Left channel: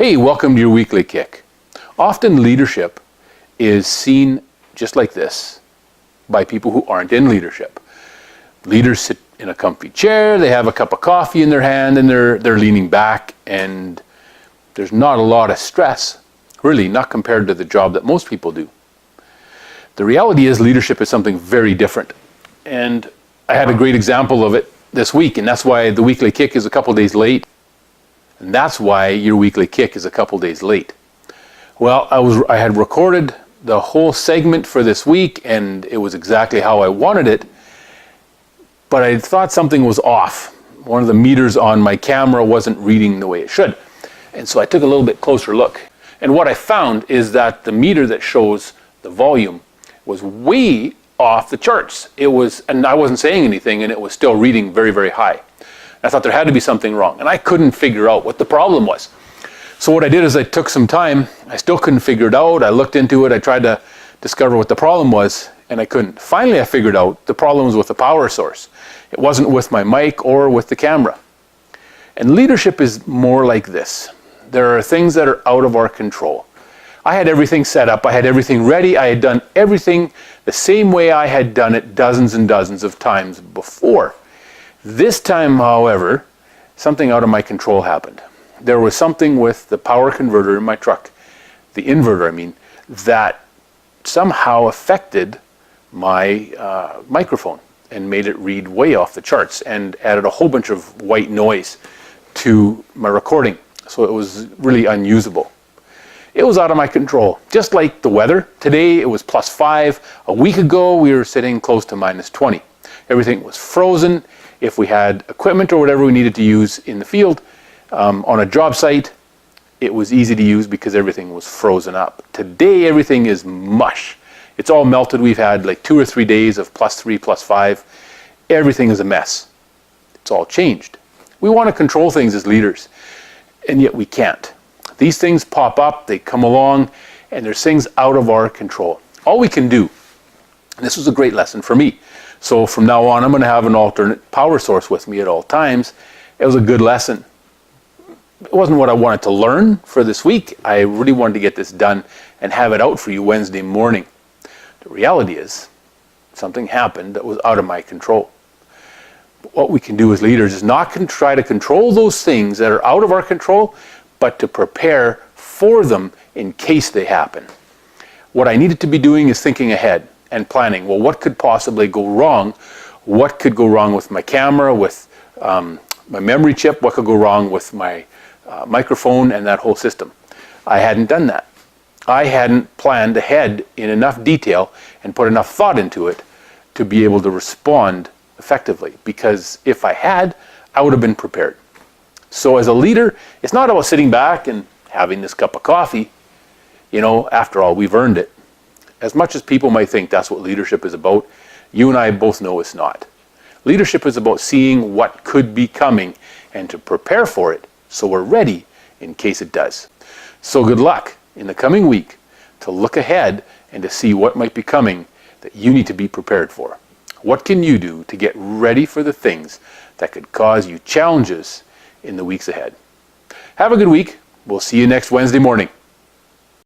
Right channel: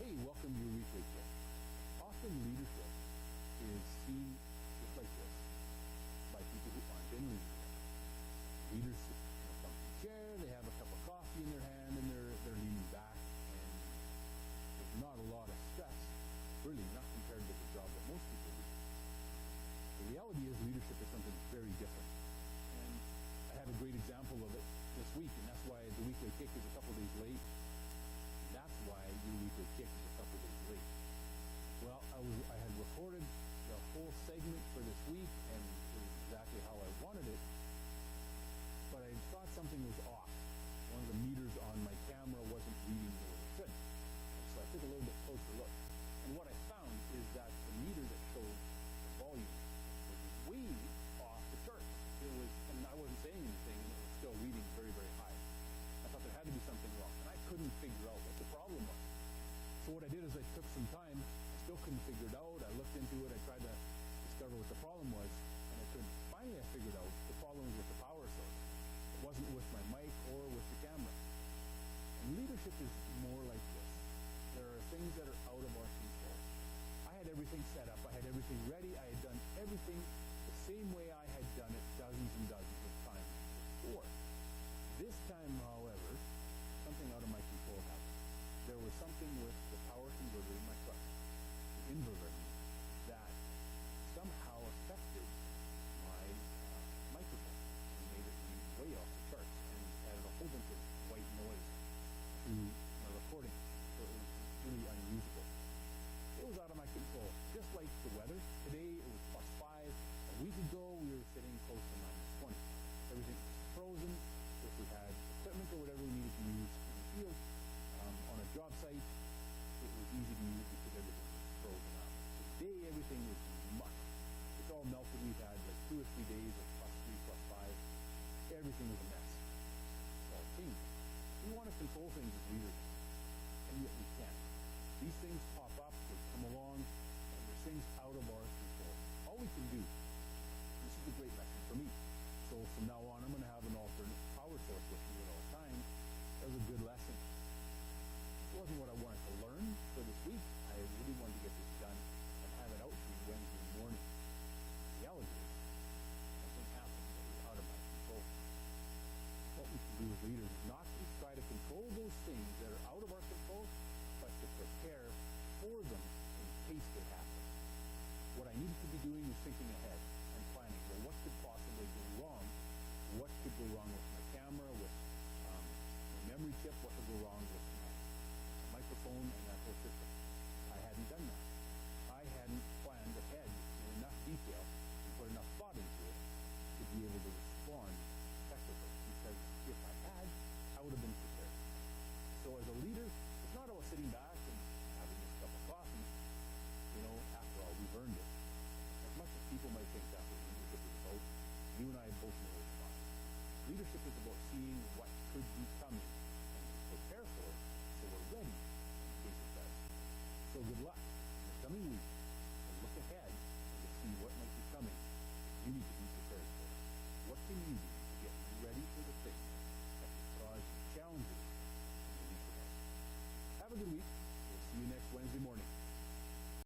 Hey, welcome to your weekly kick. Often leadership is seen just like this by people who aren't in leadership. Leaders sit in a comfy chair, they have a cup of coffee in their hand, and they're leaning back, and there's not a lot of stress, really, not compared to the job that most people do. The reality is leadership is something very different. And I had a great example of it this week, and that's why the weekly kick is a couple days late. And that's why your weekly kick is a couple days late. Well, I had recorded the whole segment for this week, and it was exactly how I wanted it, but I thought something was off. One of the meters on my camera wasn't reading the way it should. And so I took a little bit closer look. And what I found is that the meter that shows the volume was way off the charts. And I wasn't saying anything, and it was still reading very, very high. I thought there had to be something wrong, and I couldn't figure out what the problem was. So what I did is I took some time. I still couldn't figure it out. I looked into it. I tried to discover what the problem was, and I couldn't. Finally, I figured out the problem was with the power source. It wasn't with my mic or with the camera. And leadership is more like this. There are things that are out of our control. I had everything set up. I had everything ready. I had done everything the same way I had done it dozens and dozens of times before. This time, however, something out of my control happened. There was something with the power converter in my truck, the inverter I mean, that somehow affected my microphone and made it read way off the charts and added a whole bunch of white noise to my recording. So it was really unusable. It was out of my control, just like the weather. Today it was +5. A week ago we were sitting close to -20. Everything was frozen. If we had equipment or whatever we needed to use in the field, on a job site, it was easy to use because everything was frozen up. Today, everything is mush. It's all melted. We've had like 2 or 3 days of +3, +5. Everything is a mess. It's all changed. We want to control things as leaders, and yet we can't. These things pop up, they come along, and there's things out of our control. All we can do, and this was a great lesson for me. So from now on, I'm going to have an alternate power source with me at all times. It was a good lesson. It wasn't what I wanted to learn for this week. I really wanted to get this done and have it out for you Wednesday morning. The reality is, something happened that was out of my control. But what we can do as leaders is not try to control those things that are out of our control, but to prepare for them in case they happen. What I needed to be doing is thinking ahead and planning. Well, what could possibly go wrong? What could go wrong with my camera, with my memory chip? What could go wrong with my microphone and that whole system? I hadn't done that. I hadn't planned ahead in enough detail and put enough thought into it to be able to respond effectively. Because if I had, I would have been prepared. So as a leader, it's not about sitting back and having this cup of coffee. You know, after all, we've earned it. As much as people might think that's what leadership is about, you and I both know it's not. Leadership is about seeing what could be coming and to prepare for it so we're ready in case it does. So good luck in the coming week to look ahead and to see what might be coming that you need to be prepared for. What can you do to get ready for the things that could cause you challenges in the weeks ahead? Have a good week. We'll see you next Wednesday morning.